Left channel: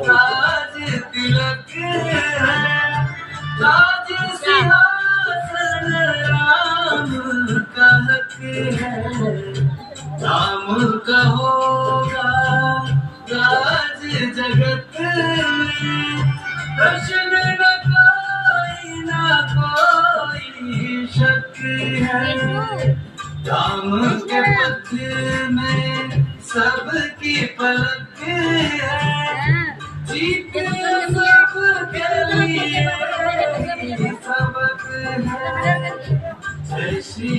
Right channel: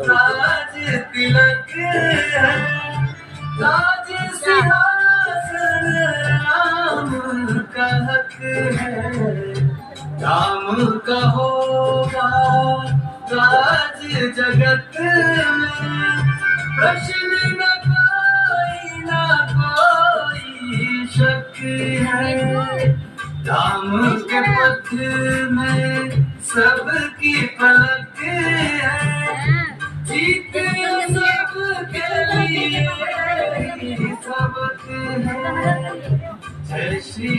राज तिलक है, राज सिंहासन राम का हक है, राम का होगा राज जगत में, प्रश्न न कोई शक है, राम के पथ में सबकी पलक है, जीत सबके लिए सबक है, जय श्री